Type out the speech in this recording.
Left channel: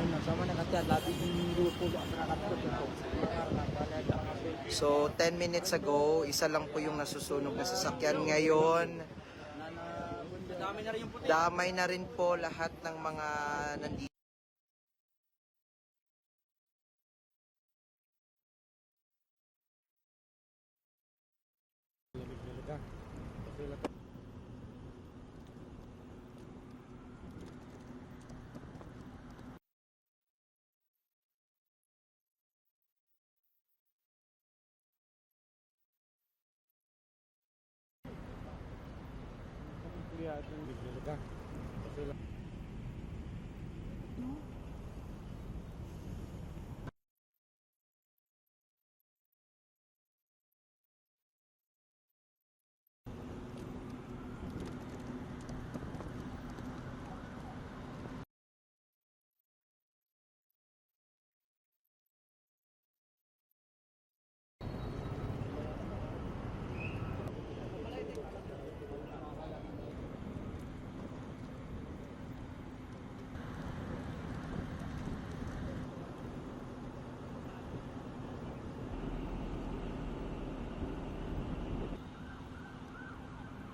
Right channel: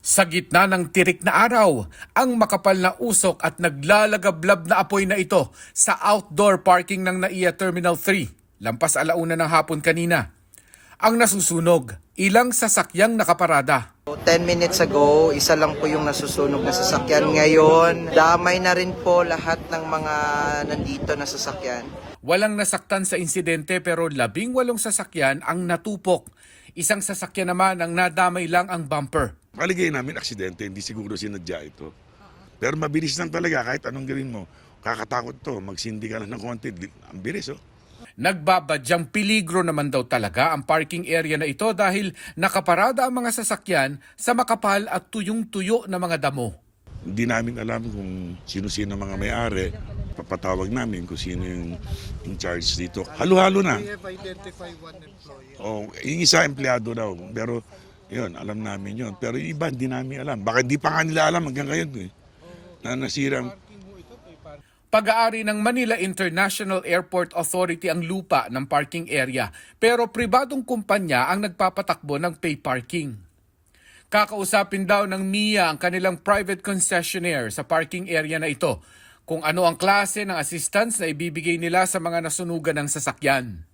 Sa gitna ng tirik na araw, ang makapal na usok at naglalagablab na apoy na ito sa outdoor parking ng NAIA Terminal 3, lampas alauna ng hapon kanina. Ang nasusunog, ilang sasakyang nakaparada. 10 minutes ago, isa lang po yung nasusunog na sasakyan. Ngayon, damay na rin po lahat ng mga nandito na sasakyan. Walang nasaktan sa insidente pero 18 sasakyan ang natupok. Isang sasakyan naman ang nadamay lang ang bumper. Paligay namin aksidente, hindi siguro sinadya ito. Pero mabilis lang talaga kahit anong gawin mo. Kakatakot to, magsindi ka lang ng konti. Ang bilis oh. Nagbabadyang peligro naman daw talaga ang parking area na ito dahil nakaparada ang mga sasakyan sa makapal at tuyong-tuyo na mga damo. Hindi namin alam kung sino-sino mga may-ari. Papatawag namin kung sino yung in charge dito. Halo-halo na. Oh, yung isa empleyado daw. Pero yun, alam namin yun. Pero yung iba hindi namin alam. Baka hindi pa nga nila alam hanggang ngayon eh. Na nasira. Pag-aari ng Manila International Airport Authority ang lupa ng parking area pero pribadong kumpanya ang nagpapatakbo ng pay parking. Kakausapin daw ng NIA ang kanilang private concessionaire sa parking area na ito kung ano ang klase ng assistance na ibibigay nila sa mga nasunugan ng sasakyan.